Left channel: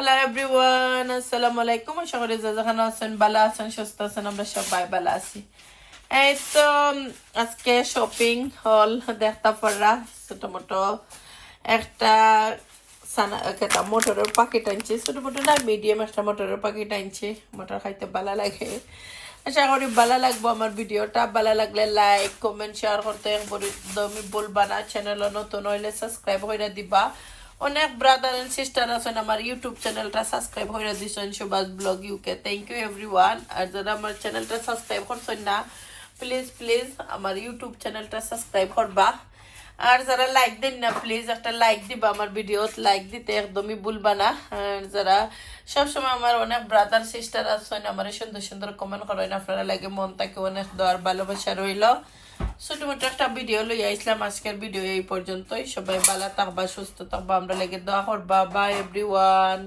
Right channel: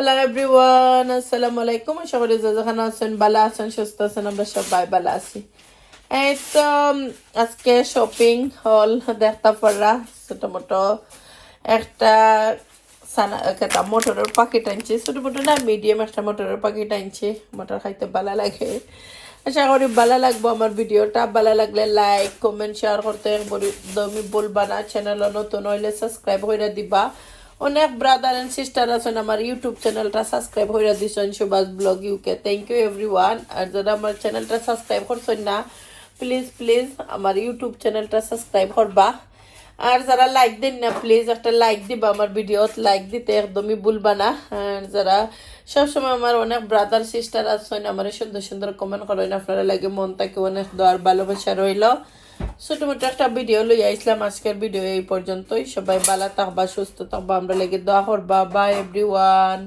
Hello everyone, আসসালামু আলাইকুম। আশা করি যে যেখানে আছেন ভালো আছেন, সুস্থ আছেন। আমরা সবাই ভালো আছি। এই তো আজকে শপিং হল দেখতে পড়া ছোট মোটো একটা একটা মোটরের প্যাকেট আনছি। ছোট মোটো না, মিডিয়াম একটা মোটরের প্যাকেট আনছি। মোটর খাইতে ভালো লাগে। আশা করি ভালো লাগবো আমার ভিডিওটা। ভালো লাগলে লাইক কমেন্ট শেয়ার করতে একদমই ভুলবা না। চ্যানেল নতুন হইলে সাবস্ক্রাইব করে দিবা। অনেক ব্রাদার এন্ড সিস্টার আছেন আমার ইউটিউব চ্যানেলটা সাবস্ক্রাইব করে দিছেন, Subhash blog UK. Thank you everyone. আর যারা আমার চ্যানেলটা সাবস্ক্রাইব করছেন না, প্লিজ প্লিজ আমার ইউটিউব চ্যানেলটা সাবস্ক্রাইব করবা। আর যারা লাইক দিন না, প্লিজ একটা লাইক দিবা। আমার ভিডিওত লাইক দিতে একদমই ভুলবা না। আর যারা সবসময় আমার অনেক ব্রাদার সিস্টার আছেন, আমার সুন্দর সুন্দর কমেন্ট করেন, আপনারা লাগে মন থেকে অনেক দোয়ার ভালোবাসা রইল। ছোট মোটো একটা ভিডিও লই আইসলাম। আজকের ভিডিও এই পর্যন্তই। সবাই ভালো থাকবা, সুস্থ থাকবা, আমরা লেগে দোয়া করবা। By everyone.